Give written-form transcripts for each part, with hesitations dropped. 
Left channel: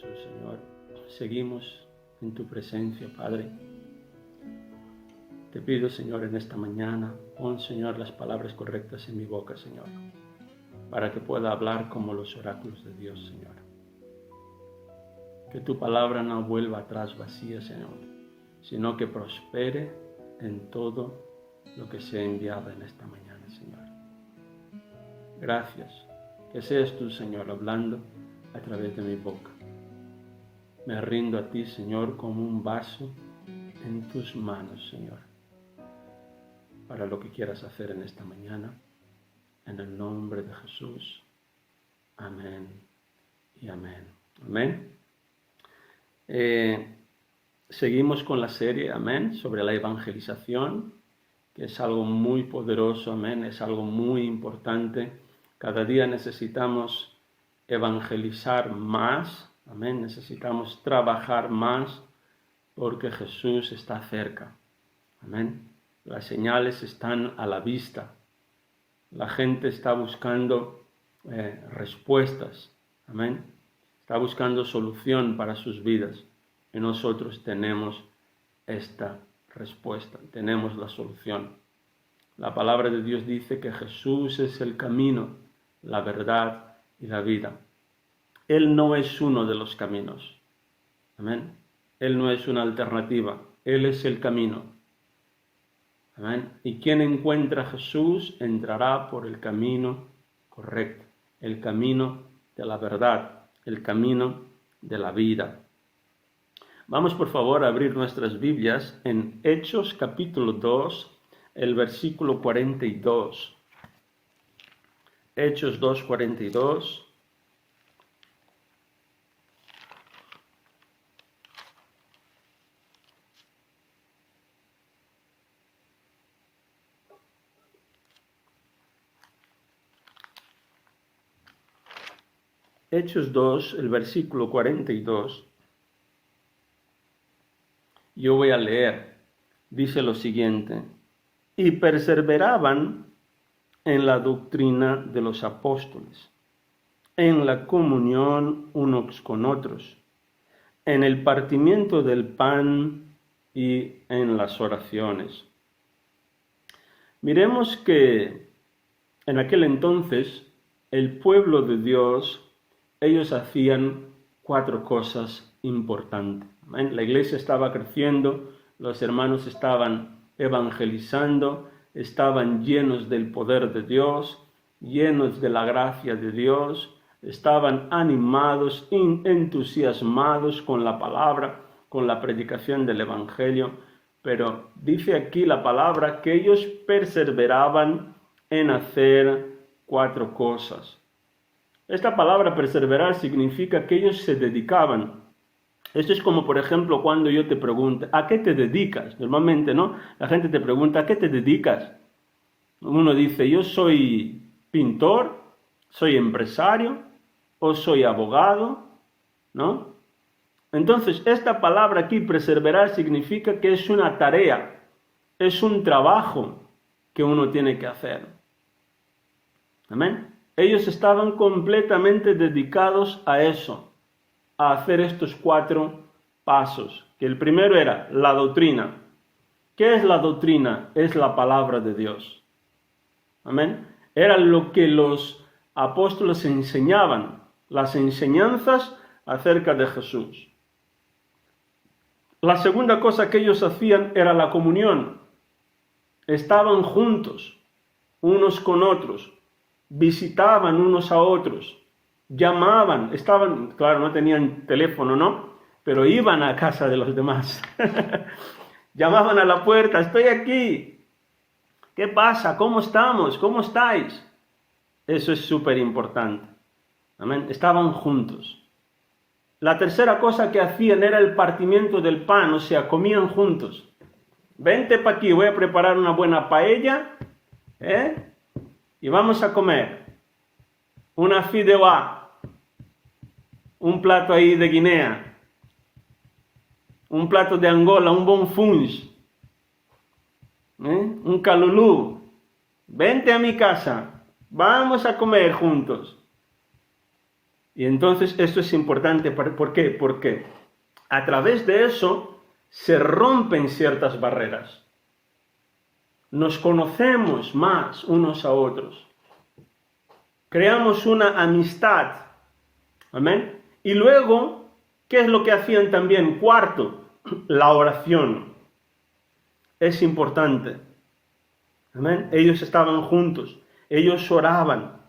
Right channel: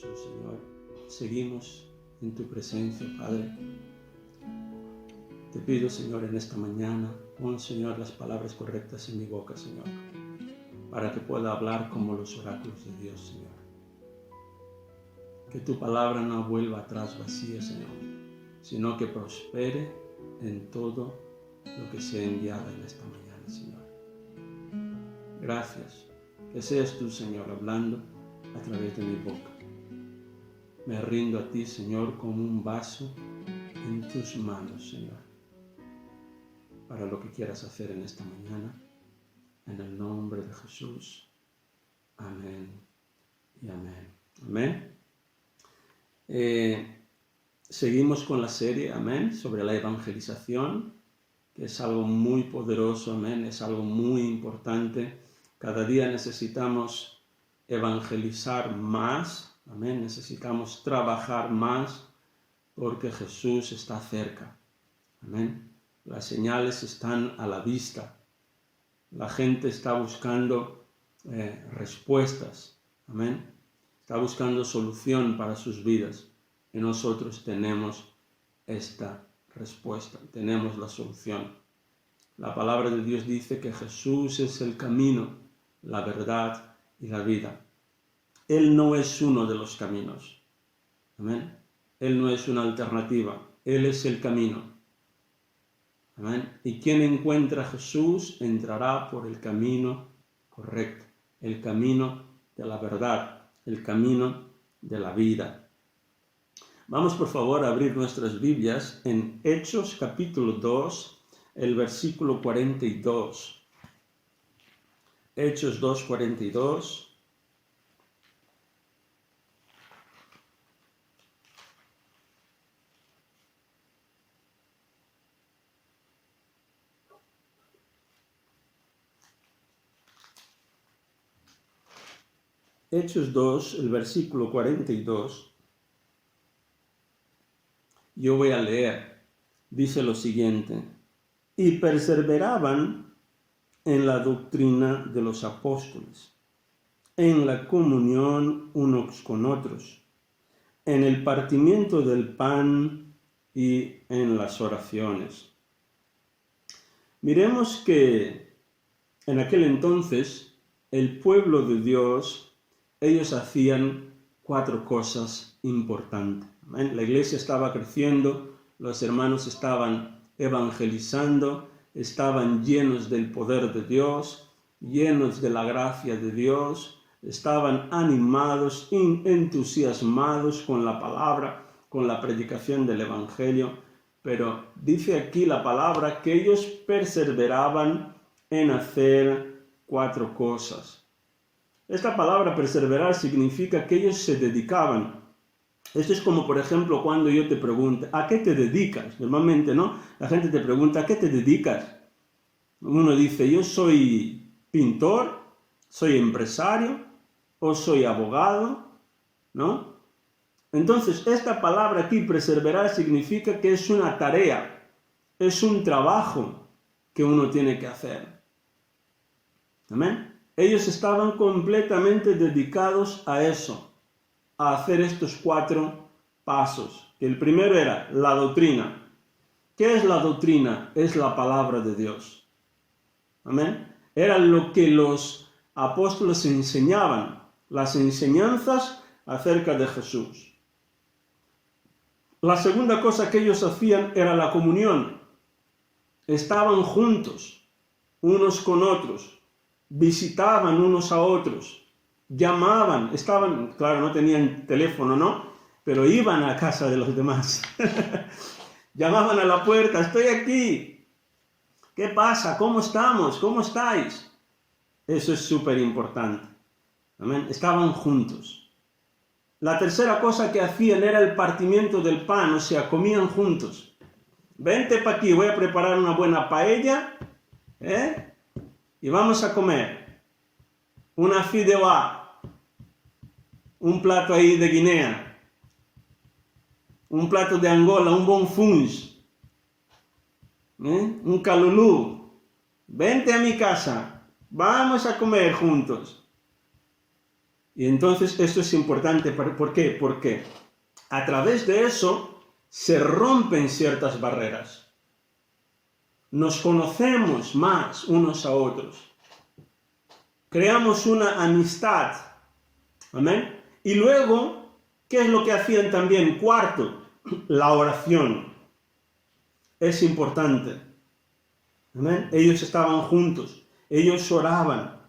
Jesús, Señor, seguimos en tu presencia, Padre. Te pido, Señor, en esta mañana, pon, Señor, las palabras correctas en mi boca, Señor, para que pueda hablar como los oráculos de Dios, Señor. Que tu palabra no vuelva atrás vacía, Señor, sino que prospere en todo lo que sea enviado en esta mañana, Señor. Gracias. Que seas tú, Señor, hablando a través de mi boca. Me rindo a ti, Señor, como un vaso en tus manos, Señor, para lo que quieras hacer en esta mañana. En el nombre de Jesús. Amén y amén. Amén. Seguimos con la serie, amén, sobre la evangelización, que es algo muy poderoso, amén, es algo muy importante. Cada día necesitamos evangelizar más, amén, necesitamos trabajar más porque Jesús está cerca, amén. Las señales están a la vista, la gente está buscando respuestas, amén, está buscando solución para sus vidas y nosotros tenemos esta respuesta, tenemos la solución. La palabra de Dios dice que Jesús es el camino, la verdad y la vida. Él no es uno de los caminos. Amén. Él no es una alternativa. Él es el camino. Amén. Y quien encuentra a Jesús entrará por el camino correcto, el camino de la verdad, el camino de la vida. Vamos por favor a abrir nuestras Biblias en Hechos capítulo 2, el versículo 42. Hechos 2, 42. Hechos 2, el versículo 42. Yo voy a leer. Dice lo siguiente: y perseveraban en la doctrina de los apóstoles, en la comunión unos con otros, en el partimiento del pan y en las oraciones. Miremos que en aquel entonces el pueblo de Dios, ellos hacían 4 cosas importantes. La iglesia estaba creciendo, los hermanos estaban evangelizando, estaban llenos del poder de Dios, llenos de la gracia de Dios, estaban animados, entusiasmados con la palabra, con la predicación del evangelio, pero dice aquí la palabra que ellos perseveraban en hacer 4 cosas. Esta palabra perseverar significa que ellos se dedicaban. Esto es como, por ejemplo, cuando yo te pregunto, ¿a qué te dedicas? Normalmente, ¿no? La gente te pregunta, ¿a qué te dedicas? Uno dice, yo soy pintor, soy empresario o soy abogado, ¿no? Entonces, esta palabra aquí, perseverar, significa que es una tarea, es un trabajo que uno tiene que hacer. ¿Amén? Ellos estaban completamente dedicados a eso, a hacer estos 4 pasos. Que el primero era la doctrina. ¿Qué es la doctrina? Es la palabra de Dios. Amén. Era lo que los apóstoles enseñaban, las enseñanzas acerca de Jesús. La segunda cosa que ellos hacían era la comunión. Estaban juntos, unos con otros, visitaban unos a otros, llamaban, estaban, claro, no tenían teléfono, ¿no? Pero iban a casa de los demás. Llamaban a la puerta, estoy aquí. ¿Qué pasa? ¿Cómo estamos? ¿Cómo estáis? Eso es súper importante. Amén. Estaban juntos. La tercera cosa que hacían era el partimiento del pan, o sea, comían juntos. Vente para aquí, voy a preparar una buena paella, y vamos a comer. Una fideuá, un plato ahí de Guinea, un plato de Angola, un bon funge, un calulú. Vente a mi casa, vamos a comer juntos. Y entonces esto es importante. ¿Por qué? Porque a través de eso se rompen ciertas barreras. Nos conocemos más unos a otros. Creamos una amistad. Amén. Y luego, ¿qué es lo que hacían también? Cuarto, la oración. Es importante. Amén. Ellos estaban juntos. Ellos oraban.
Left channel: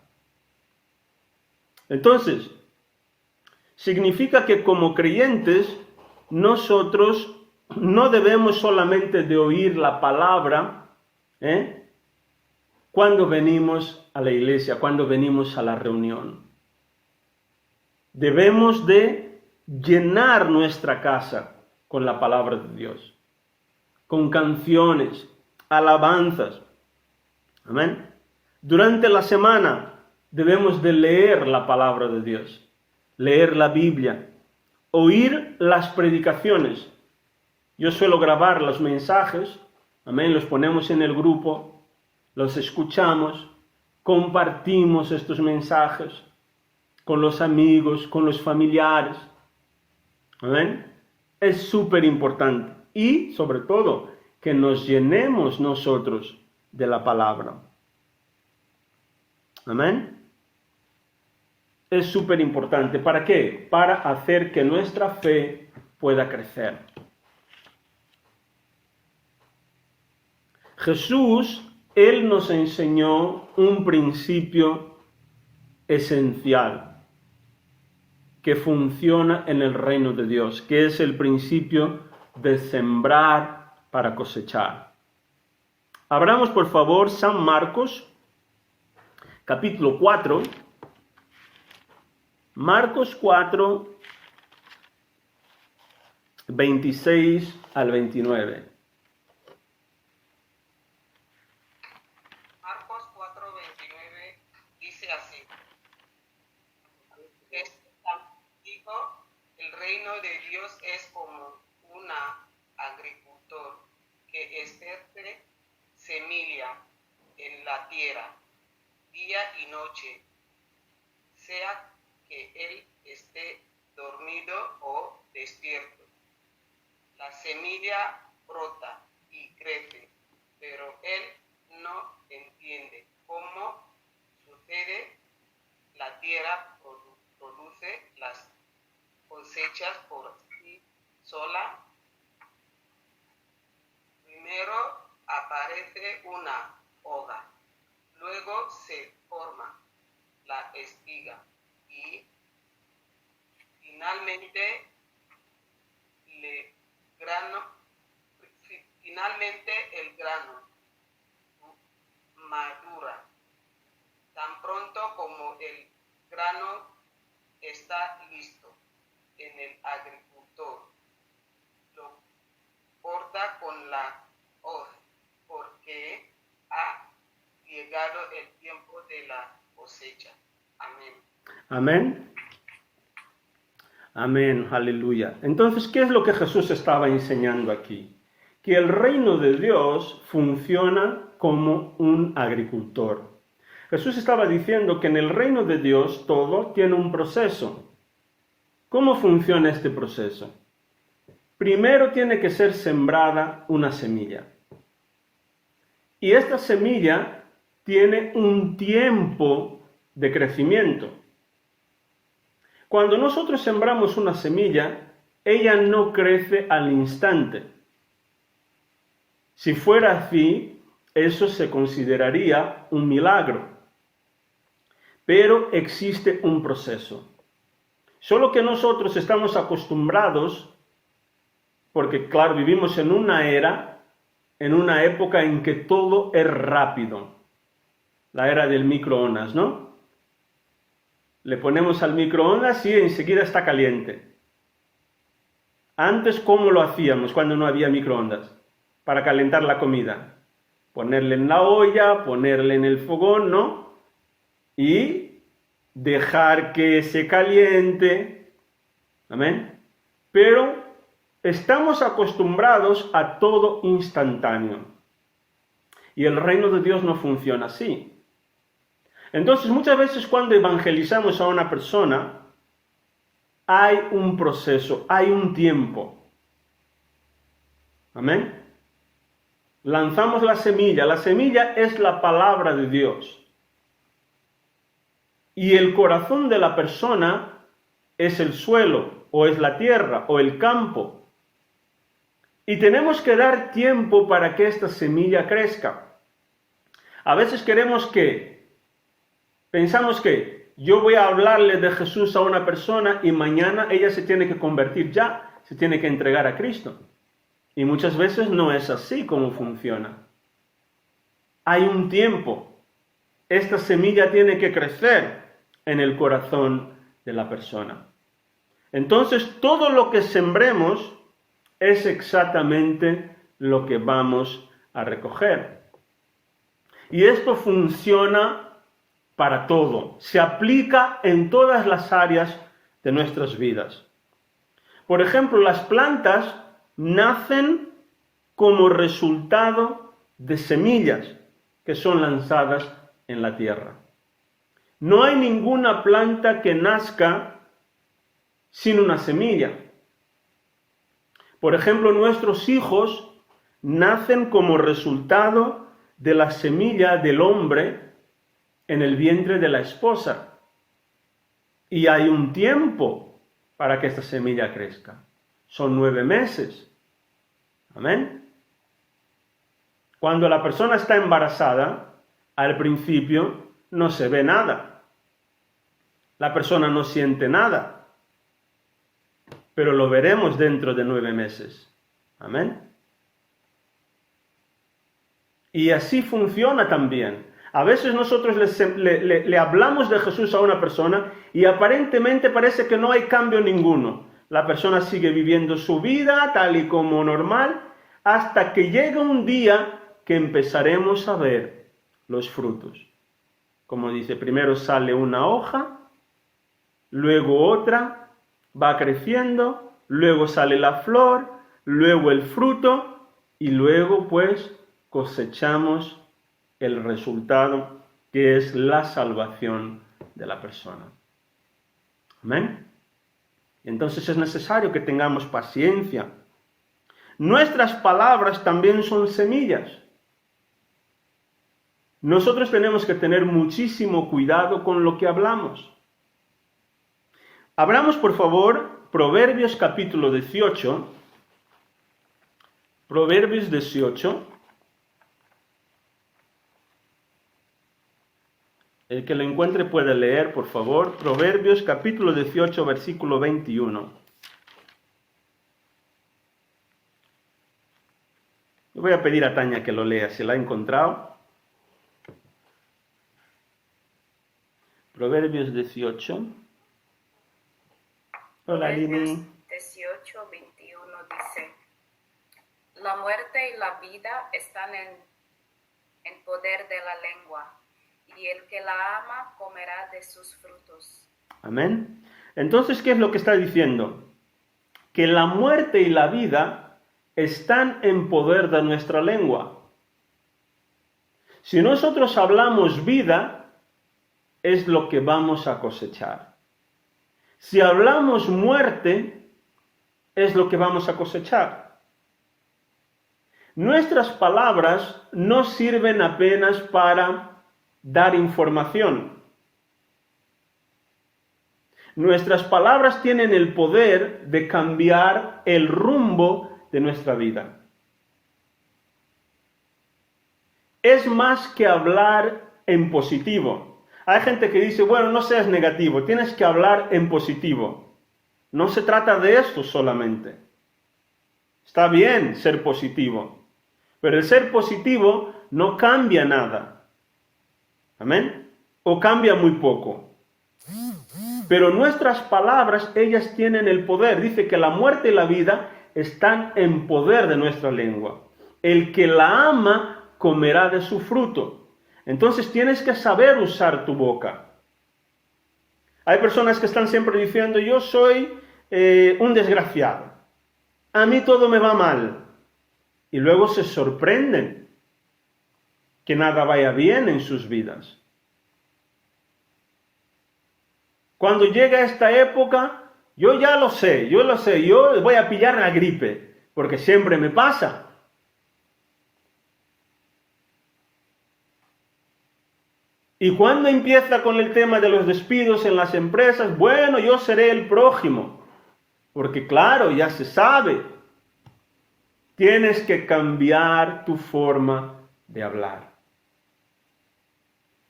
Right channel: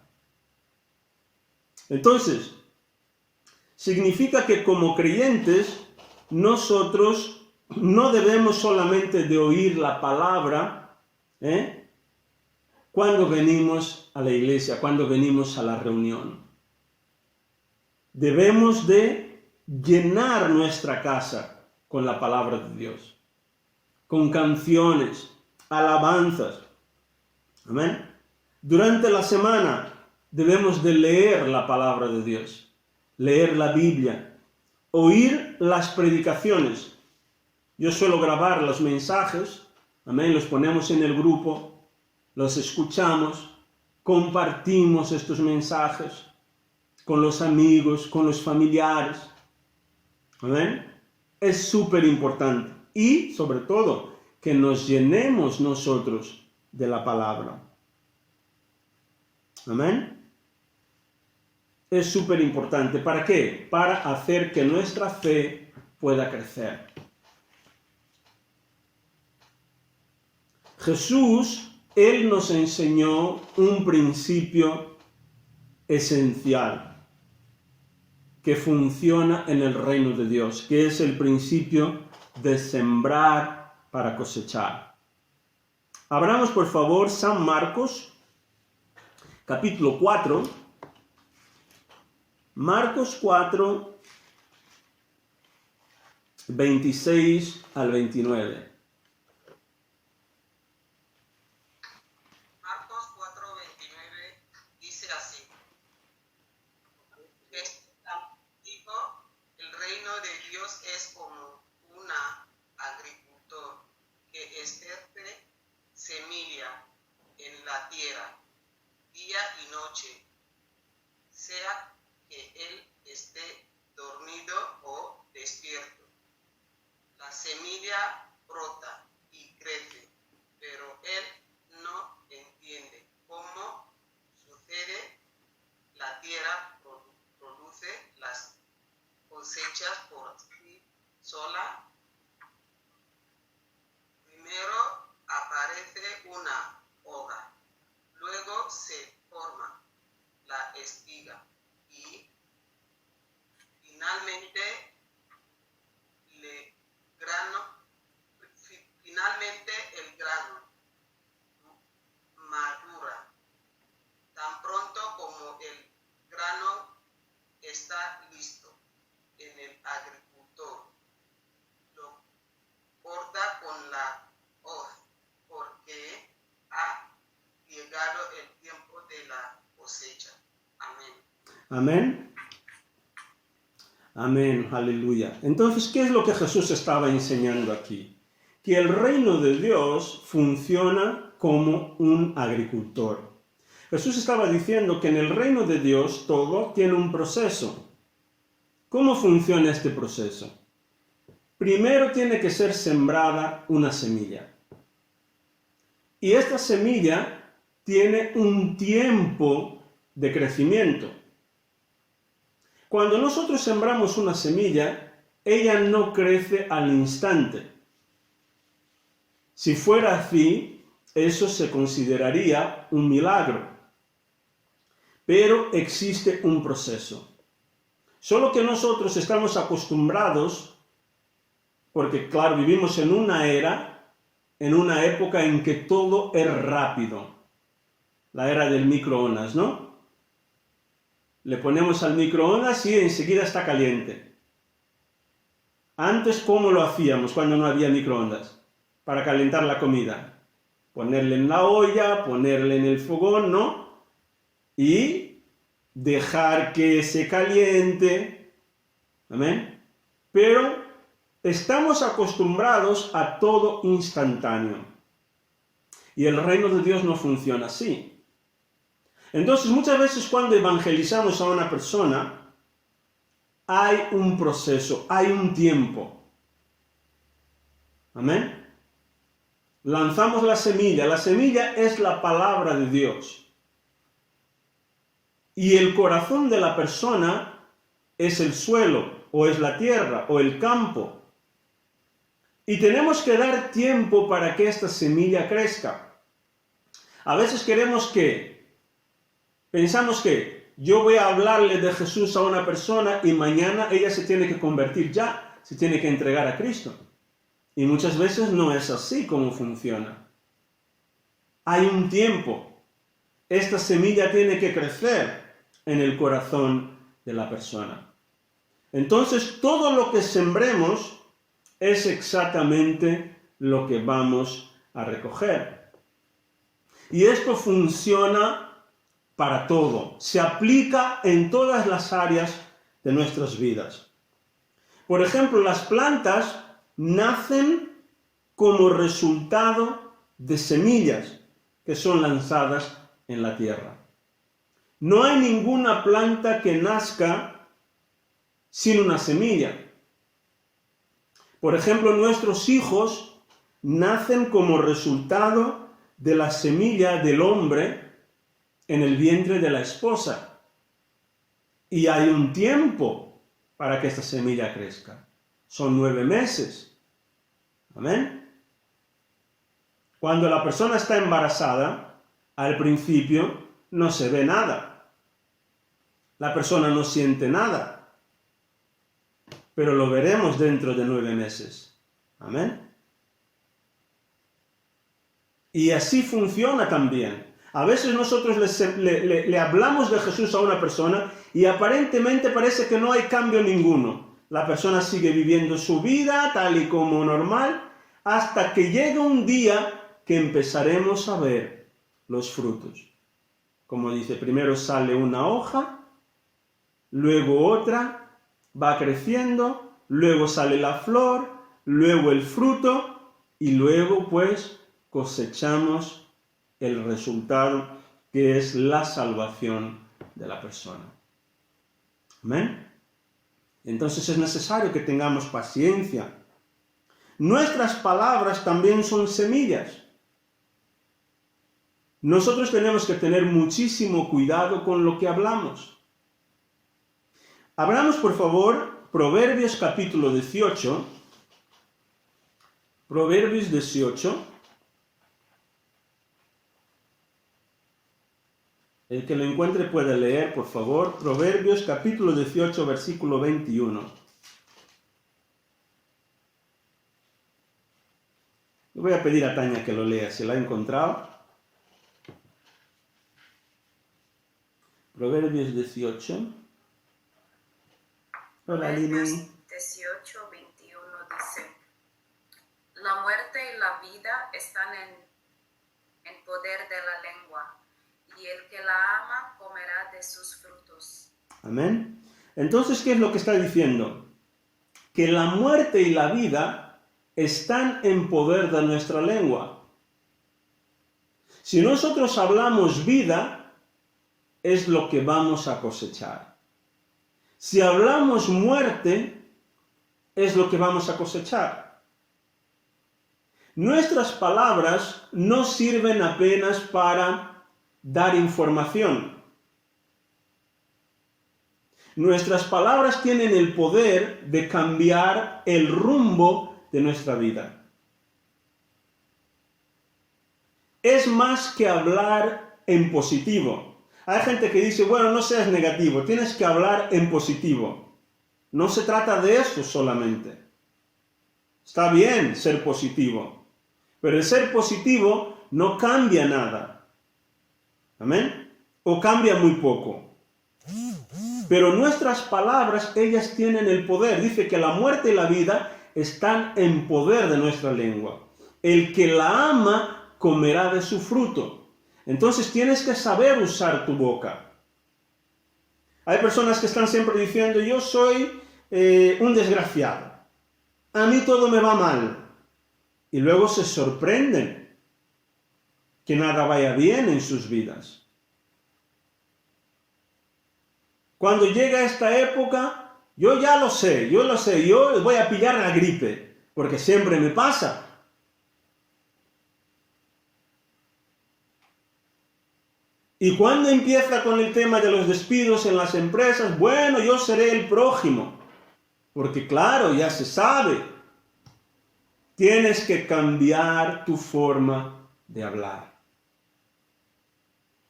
Entonces, significa que como creyentes, nosotros no debemos solamente de oír la palabra, cuando venimos a la iglesia, cuando venimos a la reunión. Debemos de llenar nuestra casa con la palabra de Dios, con canciones, alabanzas. Amén. Durante la semana debemos de leer la palabra de Dios, leer la Biblia, oír las predicaciones. Yo suelo grabar los mensajes, amén, los ponemos en el grupo, los escuchamos, compartimos estos mensajes con los amigos, con los familiares. Amén. Es súper importante. Y, sobre todo, que nos llenemos nosotros de la palabra. Amén. Es súper importante. ¿Para qué? Para hacer que nuestra fe pueda crecer. Jesús, Él nos enseñó un principio esencial que funciona en el reino de Dios, que es el principio de sembrar para cosechar. Abramos, por favor, San Marcos, capítulo 4. Marcos 4, 26 al 29. Marcos 4, 29 dice así. Dijo, el reino de Dios es como un agricultor que ejerce semilla en la tierra, día y noche, sea que él esté dormido o despierto. La semilla brota y crece, pero él no entiende cómo sucede. La tierra produce las cosechas por sí sola. Primero aparece una hoja, luego se forma la espiga y finalmente el grano madura. Tan pronto como el grano está listo, en el agricultor lo corta con la hoz, porque ha llegado el tiempo de la cosecha. Amén. Amén. Amén, aleluya. Entonces, ¿qué es lo que Jesús estaba enseñando aquí? Que el reino de Dios funciona como un agricultor. Jesús estaba diciendo que en el reino de Dios todo tiene un proceso. ¿Cómo funciona este proceso? Primero tiene que ser sembrada una semilla. Y esta semilla tiene un tiempo de crecimiento. Cuando nosotros sembramos una semilla, ella no crece al instante. Si fuera así, eso se consideraría un milagro. Pero existe un proceso. Solo que nosotros estamos acostumbrados, porque claro, vivimos en una época en que todo es rápido. La era del microondas, ¿no? Le ponemos al microondas y enseguida está caliente. Antes, ¿cómo lo hacíamos cuando no había microondas? Para calentar la comida. Ponerle en la olla, ponerle en el fogón, ¿no? Y dejar que se caliente. Amén. Pero estamos acostumbrados a todo instantáneo. Y el reino de Dios no funciona así. Entonces, muchas veces cuando evangelizamos a una persona, hay un proceso, hay un tiempo. Amén. Lanzamos la semilla. La semilla es la palabra de Dios. Y el corazón de la persona es el suelo, o es la tierra, o el campo. Y tenemos que dar tiempo para que esta semilla crezca. A veces pensamos que yo voy a hablarle de Jesús a una persona y mañana ella se tiene que convertir ya, se tiene que entregar a Cristo. Y muchas veces no es así como funciona. Hay un tiempo. Esta semilla tiene que crecer en el corazón de la persona. Entonces, todo lo que sembremos es exactamente lo que vamos a recoger. Y esto funciona para todo. Se aplica en todas las áreas de nuestras vidas. Por ejemplo, las plantas nacen como resultado de semillas que son lanzadas en la tierra. No hay ninguna planta que nazca sin una semilla. Por ejemplo, nuestros hijos nacen como resultado de la semilla del hombre en el vientre de la esposa. Y hay un tiempo para que esta semilla crezca. Son 9 meses. Amén. Cuando la persona está embarazada, al principio no se ve nada. La persona no siente nada. Pero lo veremos dentro de 9 meses. Amén. Y así funciona también. A veces nosotros le hablamos de Jesús a una persona y aparentemente parece que no hay cambio ninguno. La persona sigue viviendo su vida tal y como normal hasta que llega un día que empezaremos a ver los frutos. Como dice, primero sale una hoja, luego otra, va creciendo, luego sale la flor, luego el fruto y luego pues cosechamos el resultado que es la salvación de la persona. Amén. Entonces es necesario que tengamos paciencia. Nuestras palabras también son semillas. Nosotros tenemos que tener muchísimo cuidado con lo que hablamos. Abramos, por favor, Proverbios capítulo 18. Proverbios 18. El que lo encuentre puede leer, por favor. Proverbios capítulo 18, versículo 21. Le voy a pedir a Tania que lo lea, si la ha encontrado. Proverbios 18. Hola, Proverbios Lili. 18, 21 dice: La muerte y la vida están en poder de la lengua, y el que la ama comerá de sus frutos. Amén. Entonces, ¿qué es lo que está diciendo? Que la muerte y la vida están en poder de nuestra lengua. Si nosotros hablamos vida, es lo que vamos a cosechar. Si hablamos muerte, es lo que vamos a cosechar. Nuestras palabras no sirven apenas para dar información. Nuestras palabras tienen el poder de cambiar el rumbo de nuestra vida. Es más que hablar en positivo. Hay gente que dice, bueno, no seas negativo, tienes que hablar en positivo. No se trata de esto solamente. Está bien ser positivo, pero el ser positivo no cambia nada. ¿Amén? O cambia muy poco. Pero nuestras palabras, ellas tienen el poder. Dice que la muerte y la vida están en poder de nuestra lengua. El que la ama comerá de su fruto. Entonces tienes que saber usar tu boca. Hay personas que están siempre diciendo, yo soy un desgraciado. A mí todo me va mal. Y luego se sorprenden que nada vaya bien en sus vidas. Cuando llega esta época, Yo ya lo sé, yo voy a pillar la gripe, porque siempre me pasa. Y cuando empieza con el tema de los despidos en las empresas, bueno, yo seré el prójimo, porque claro, ya se sabe. Tienes que cambiar tu forma de hablar.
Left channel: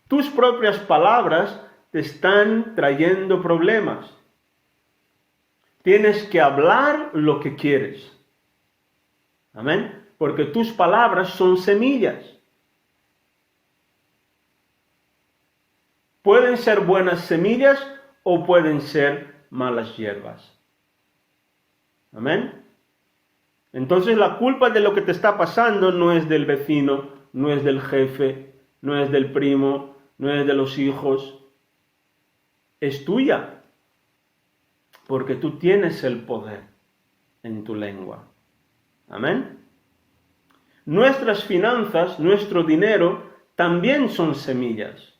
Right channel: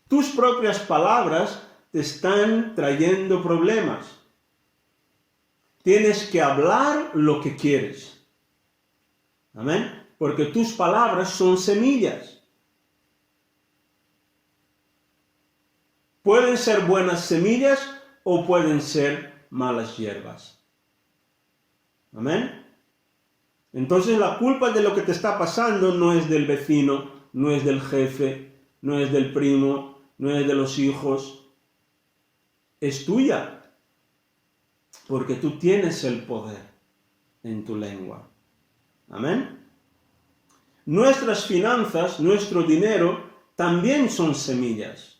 Tus propias palabras te están trayendo problemas. Tienes que hablar lo que quieres. Amén. Porque tus palabras son semillas. Pueden ser buenas semillas o pueden ser malas hierbas. Amén. Entonces la culpa de lo que te está pasando no es del vecino, no es del jefe, no es del primo, no es de los hijos. Es tuya. Porque tú tienes el poder en tu lengua. Amén. Nuestras finanzas, nuestro dinero, también son semillas.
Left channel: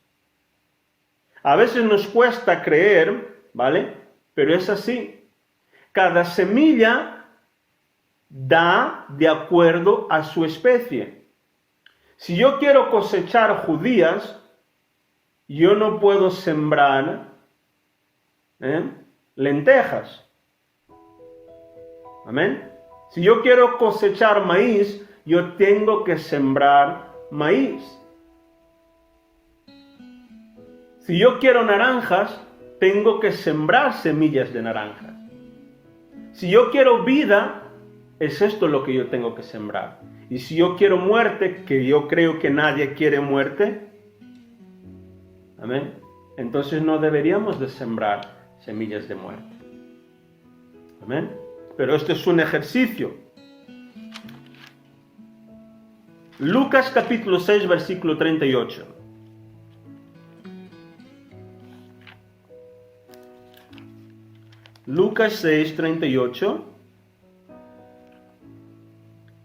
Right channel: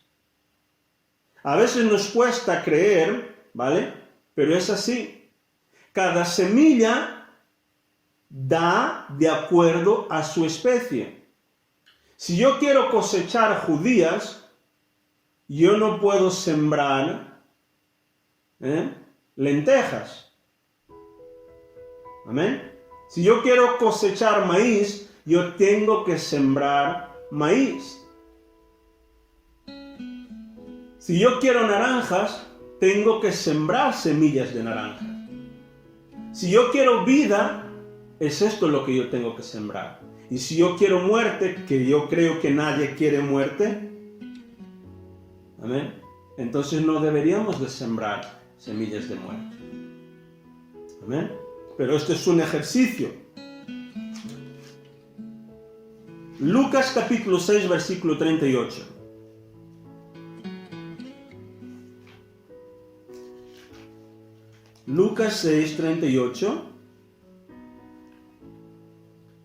A veces nos cuesta creer, ¿vale? Pero es así. Cada semilla da de acuerdo a su especie. Si yo quiero cosechar judías, yo no puedo sembrar lentejas. Amén. Si yo quiero cosechar maíz, yo tengo que sembrar maíz. Si yo quiero naranjas, tengo que sembrar semillas de naranjas. Si yo quiero vida, es esto lo que yo tengo que sembrar. Y si yo quiero muerte, que yo creo que nadie quiere muerte, amén, entonces no deberíamos de sembrar semillas de muerte. Amén. Pero esto es un ejercicio. Lucas capítulo 6, versículo 38. Lucas 6, 38.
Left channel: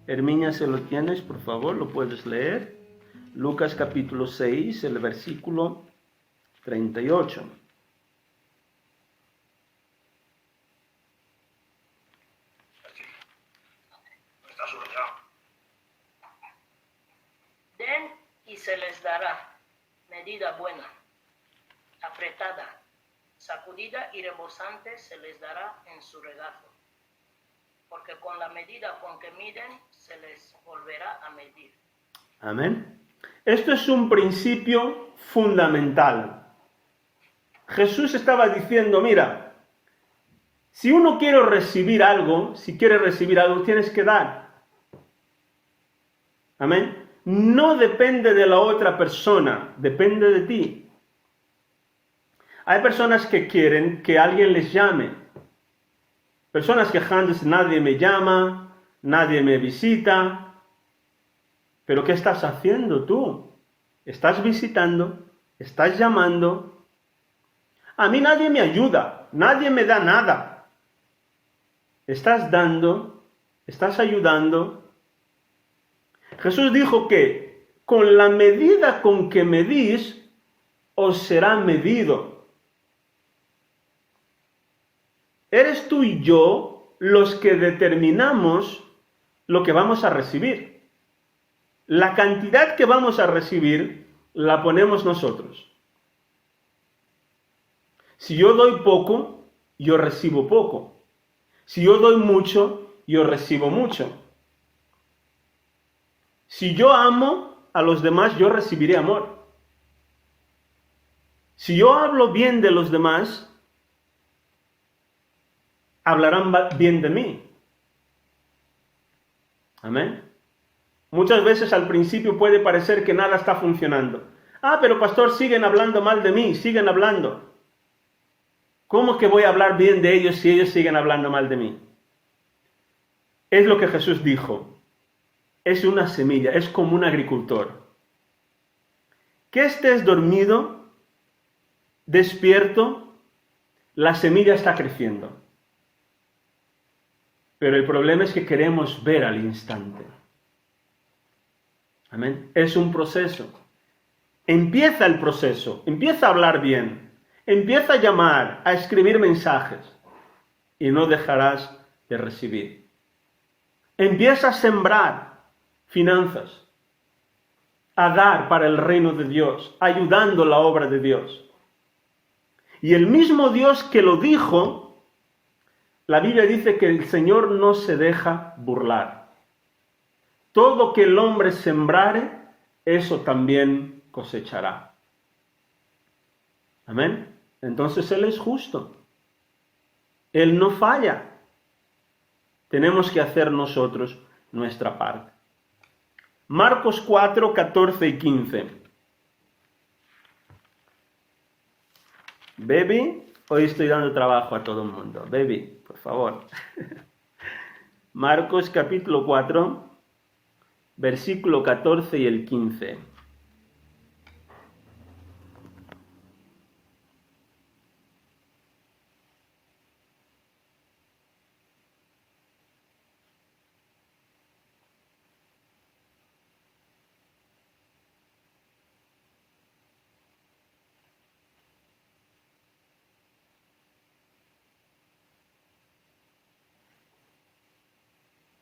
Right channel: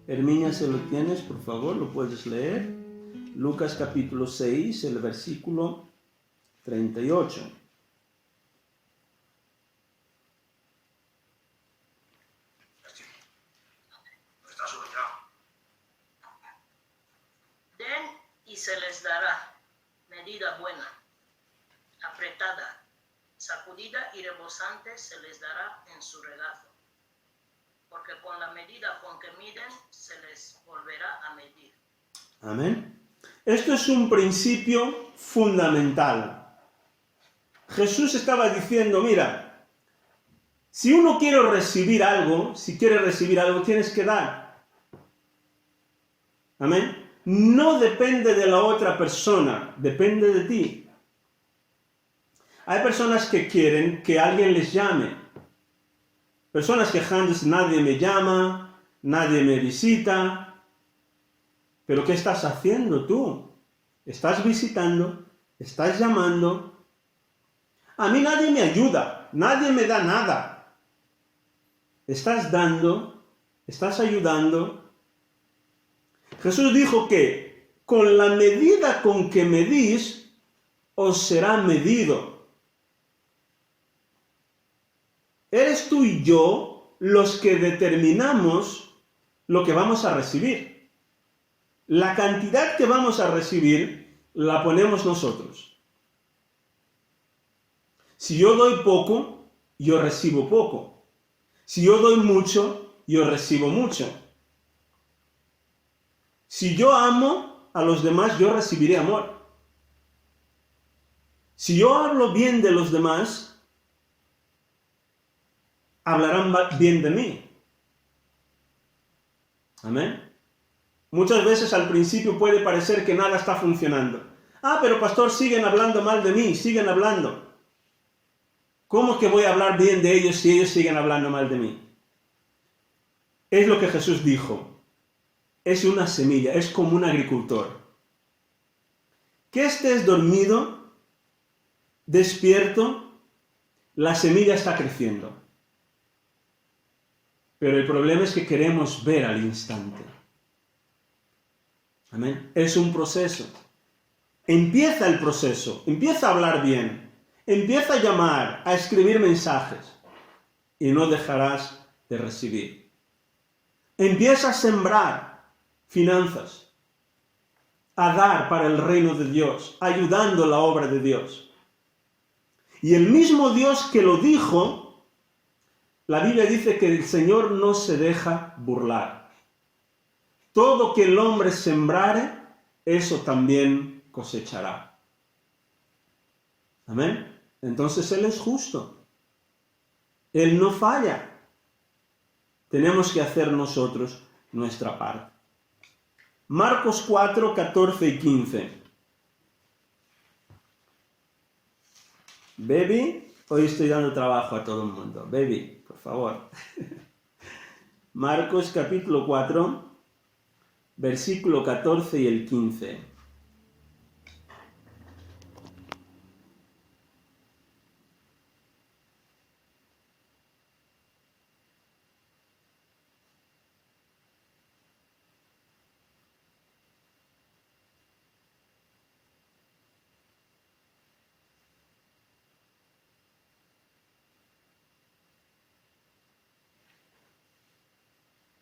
Herminia, ¿se lo tienes? Por favor, lo puedes leer. Lucas capítulo 6, el versículo 38. Den y se les dará medida buena, apretada, sacudida y rebosante se les dará en su regazo. Porque con la medida con que miden, se les volverá a medir. Amén. Esto es un principio fundamental. Jesús estaba diciendo, mira, si uno quiere recibir algo, tienes que dar. Amén. No depende de la otra persona, depende de ti. Hay personas que quieren que alguien les llame. Personas quejándose, nadie me llama, nadie me visita. Pero ¿qué estás haciendo tú? ¿Estás visitando? ¿Estás llamando? A mí nadie me ayuda, nadie me da nada. ¿Estás dando? ¿Estás ayudando? Jesús dijo que con la medida con que medís, os será medido. Eres tú y yo los que determinamos lo que vamos a recibir. La cantidad que vamos a recibir la ponemos nosotros. Si yo doy poco, yo recibo poco. Si yo doy mucho, yo recibo mucho. Si yo amo a los demás, yo recibiré amor. Si yo hablo bien de los demás, hablarán bien de mí. Amén. Muchas veces al principio puede parecer que nada está funcionando. Ah, pero pastor, siguen hablando mal de mí, siguen hablando. ¿Cómo que voy a hablar bien de ellos si ellos siguen hablando mal de mí? Es lo que Jesús dijo. Es una semilla, es como un agricultor. Que estés dormido, despierto, la semilla está creciendo. Pero el problema es que queremos ver al instante. Amén. Es un proceso. Empieza el proceso. Empieza a hablar bien. Empieza a llamar, a escribir mensajes. y no dejarás de recibir. Empieza a sembrar finanzas, a dar para el reino de Dios, ayudando la obra de Dios. Y el mismo Dios que lo dijo, la Biblia dice que el Señor no se deja burlar. Todo que el hombre sembrare, eso también cosechará. Amén. Entonces Él es justo. Él no falla. Tenemos que hacer nosotros nuestra parte. Marcos 4, 14 y 15. Baby, hoy estoy dando trabajo a todo el mundo. Baby, por favor. Marcos capítulo 4, versículo 14 y el 15.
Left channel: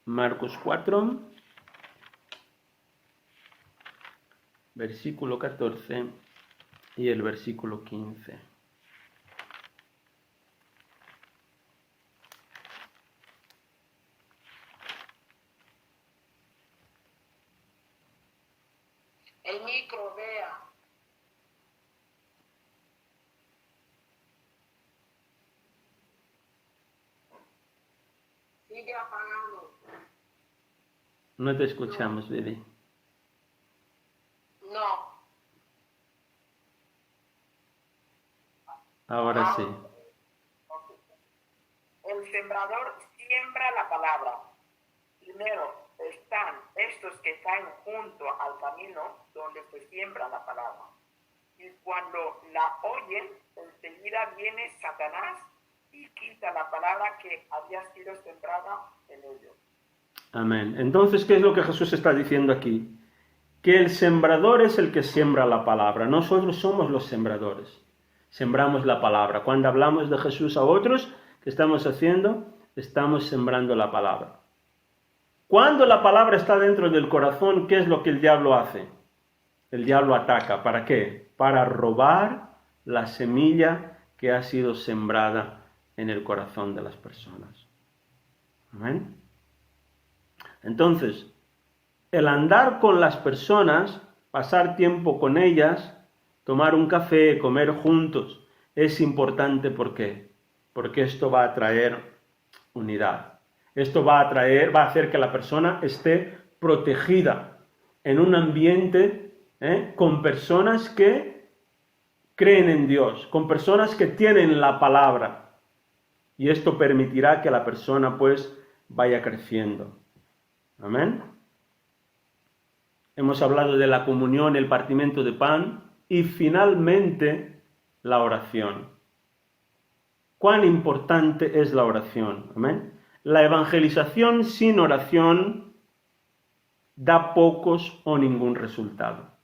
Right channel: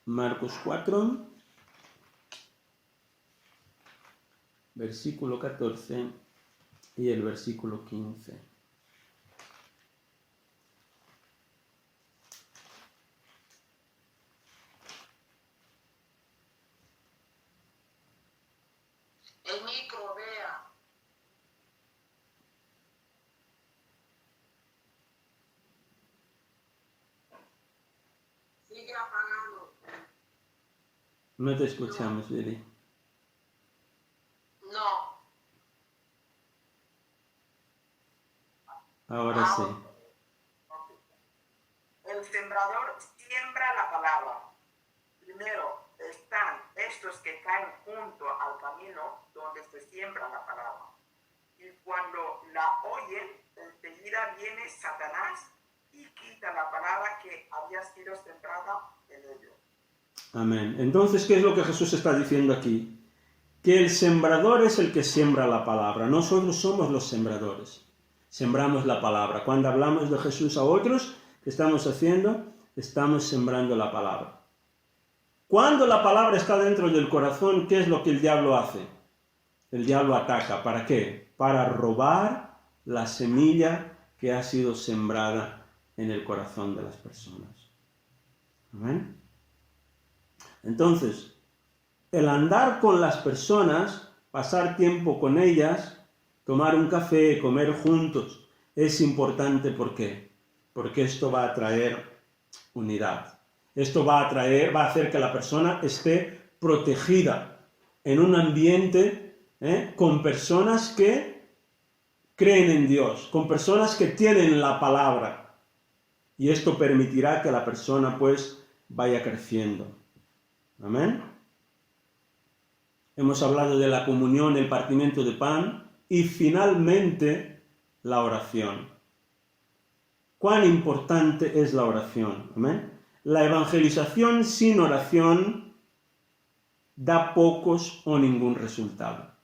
Marcos 4, versículo 14 y el versículo 15. El micro, vea. Sigue apagado. No te escuchamos, Lili. No. Ahora sí. El sembrador siembra la palabra. Primero están estos que caen junto al camino donde se siembra la palabra. Y cuando la oyen, enseguida viene Satanás y quita la palabra que había sido sembrada en ellos. Amén. Entonces, ¿qué es lo que Jesús está diciendo aquí? Que el sembrador es el que siembra la palabra. Nosotros somos los sembradores. Sembramos la palabra. Cuando hablamos de Jesús a otros, ¿qué estamos haciendo? Estamos sembrando la palabra. Cuando la palabra está dentro del corazón, ¿qué es lo que el diablo hace? El diablo ataca. ¿Para qué? Para robar la semilla que ha sido sembrada en el corazón de las personas. Amén. Entonces, el andar con las personas, pasar tiempo con ellas, tomar un café, comer juntos, es importante. ¿Por qué? Porque esto va a traer unidad. Esto va a hacer que la persona esté protegida en un ambiente con personas que creen en Dios, con personas que tienen la palabra. Y esto permitirá que la persona pues vaya creciendo. Amén. Hemos hablado de la comunión, el partimiento de pan y finalmente la oración. ¿Cuán importante es la oración? Amén. La evangelización sin oración da pocos o ningún resultado.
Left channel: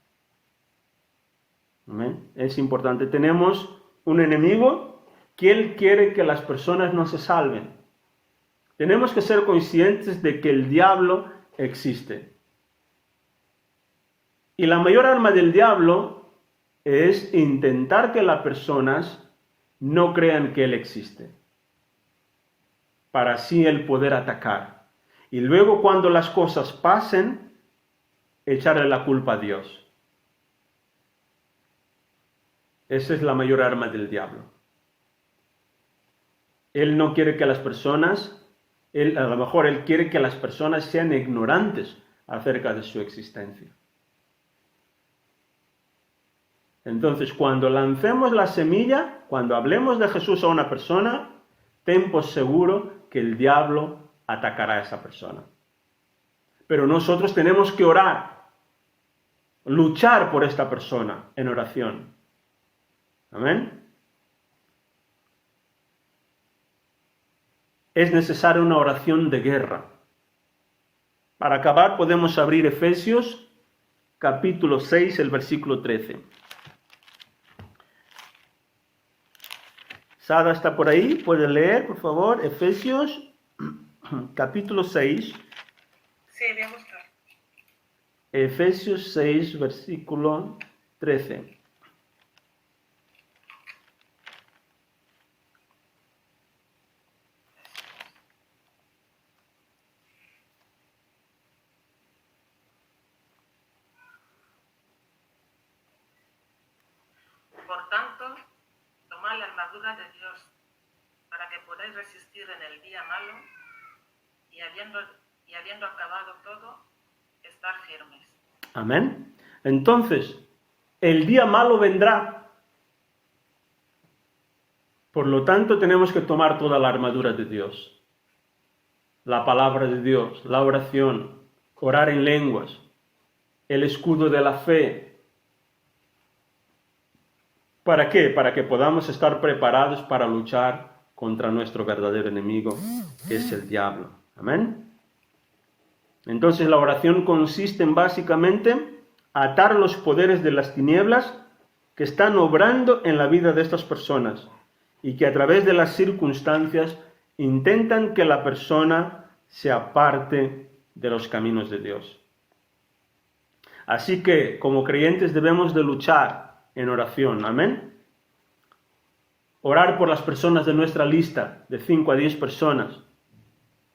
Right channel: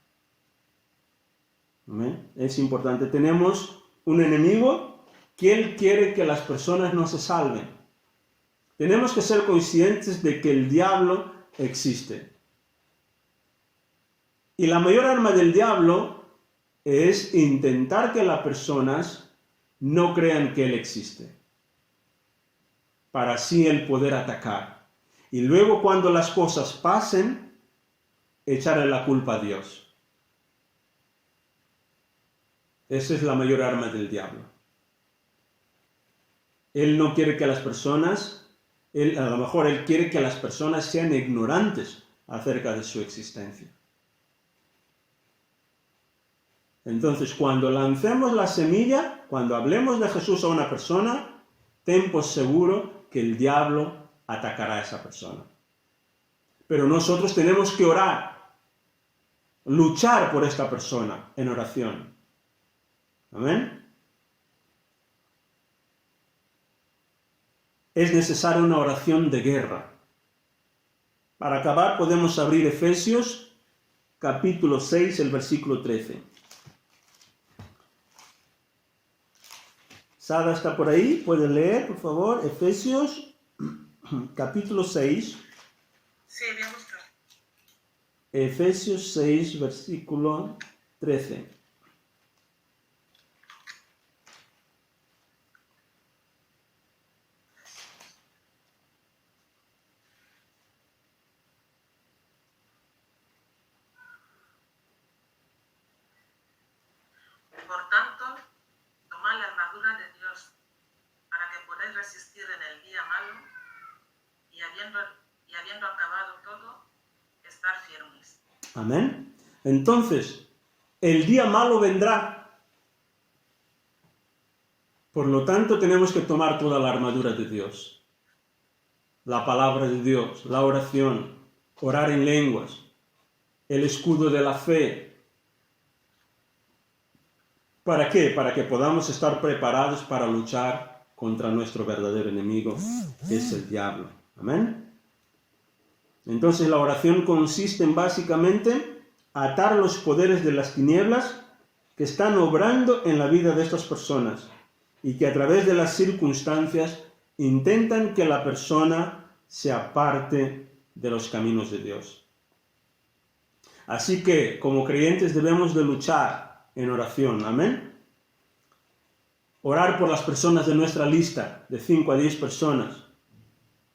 Amén. Es importante. Tenemos un enemigo que él quiere que las personas no se salven. Tenemos que ser conscientes de que el diablo existe. Y la mayor arma del diablo es intentar que las personas no crean que él existe, para así él poder atacar. Y luego cuando las cosas pasen, echarle la culpa a Dios. Esa es la mayor arma del diablo. Él no quiere que las personas... a lo mejor él quiere que las personas sean ignorantes acerca de su existencia. Entonces, cuando lancemos la semilla, cuando hablemos de Jesús a una persona, ten por seguro que el diablo atacará a esa persona. Pero nosotros tenemos que orar, luchar por esta persona en oración. Amén. Es necesaria una oración de guerra. Para acabar podemos abrir Efesios capítulo 6, el versículo 13. Sada está por ahí, puede leer, por favor, Efesios capítulo 6. Sí, me gusta. Efesios 6, versículo 13. Por tanto, tomad la armadura de Dios para que podáis resistir en el día malo y habiendo acabado todo, estar firmes. Amén. Entonces, el día malo vendrá. Por lo tanto, tenemos que tomar toda la armadura de Dios. La palabra de Dios, la oración, orar en lenguas, el escudo de la fe. ¿Para qué? Para que podamos estar preparados para luchar contra nuestro verdadero enemigo, que es el diablo. Amén. Entonces la oración consiste en básicamente atar los poderes de las tinieblas que están obrando en la vida de estas personas y que a través de las circunstancias intentan que la persona se aparte de los caminos de Dios. Así que como creyentes debemos de luchar en oración. Amén. Orar por las personas de nuestra lista de 5 a 10 personas.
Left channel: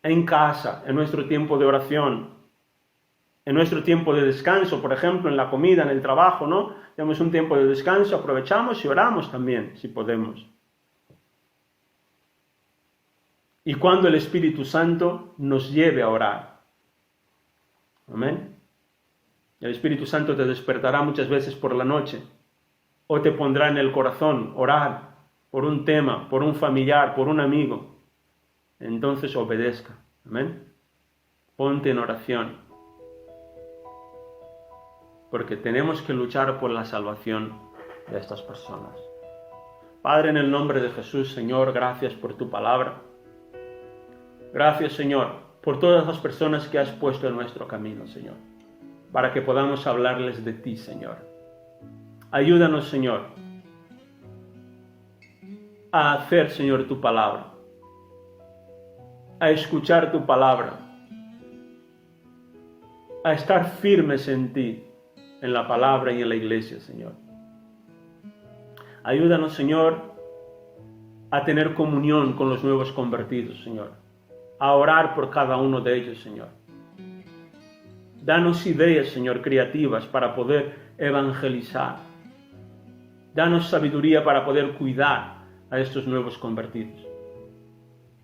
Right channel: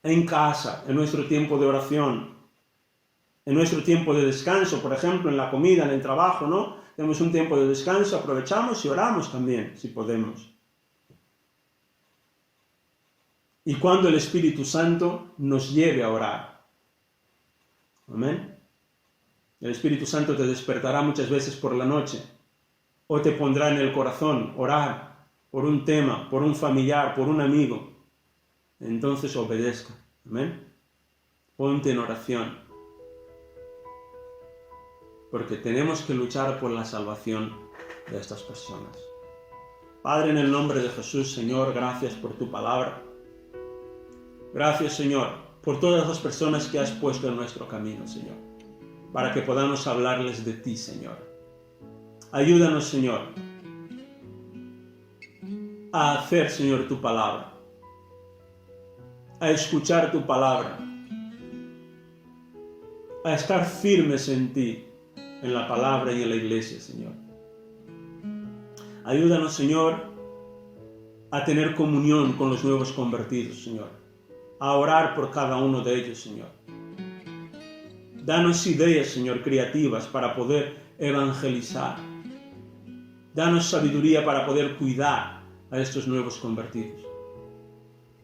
En casa, en nuestro tiempo de oración, en nuestro tiempo de descanso, por ejemplo, en la comida, en el trabajo, ¿no? Tenemos un tiempo de descanso, aprovechamos y oramos también, si podemos. Y cuando el Espíritu Santo nos lleve a orar. Amén. El Espíritu Santo te despertará muchas veces por la noche, o te pondrá en el corazón orar por un tema, por un familiar, por un amigo. Entonces obedezca. Amén. Ponte en oración. Porque tenemos que luchar por la salvación de estas personas. Padre, en el nombre de Jesús, Señor, gracias por tu palabra. Gracias, Señor, por todas las personas que has puesto en nuestro camino, Señor, para que podamos hablarles de ti, Señor. Ayúdanos, Señor, a hacer, Señor, tu palabra, a escuchar tu palabra, a estar firmes en ti, en la palabra y en la iglesia, Señor. Ayúdanos, Señor, a tener comunión con los nuevos convertidos, Señor, a orar por cada uno de ellos, Señor. Danos ideas, Señor, creativas para poder evangelizar. Danos sabiduría para poder cuidar a estos nuevos convertidos.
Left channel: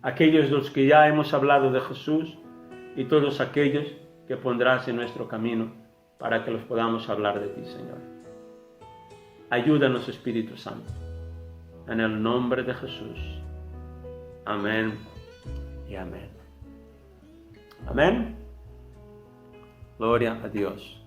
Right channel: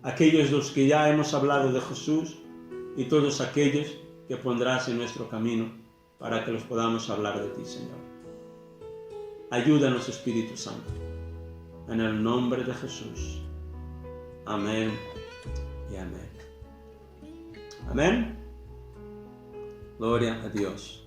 Aquellos de los que ya hemos hablado de Jesús y todos aquellos que pondrás en nuestro camino para que los podamos hablar de ti, Señor. Ayúdanos, Espíritu Santo. En el nombre de Jesús. Amén y amén. Amén. Gloria a Dios.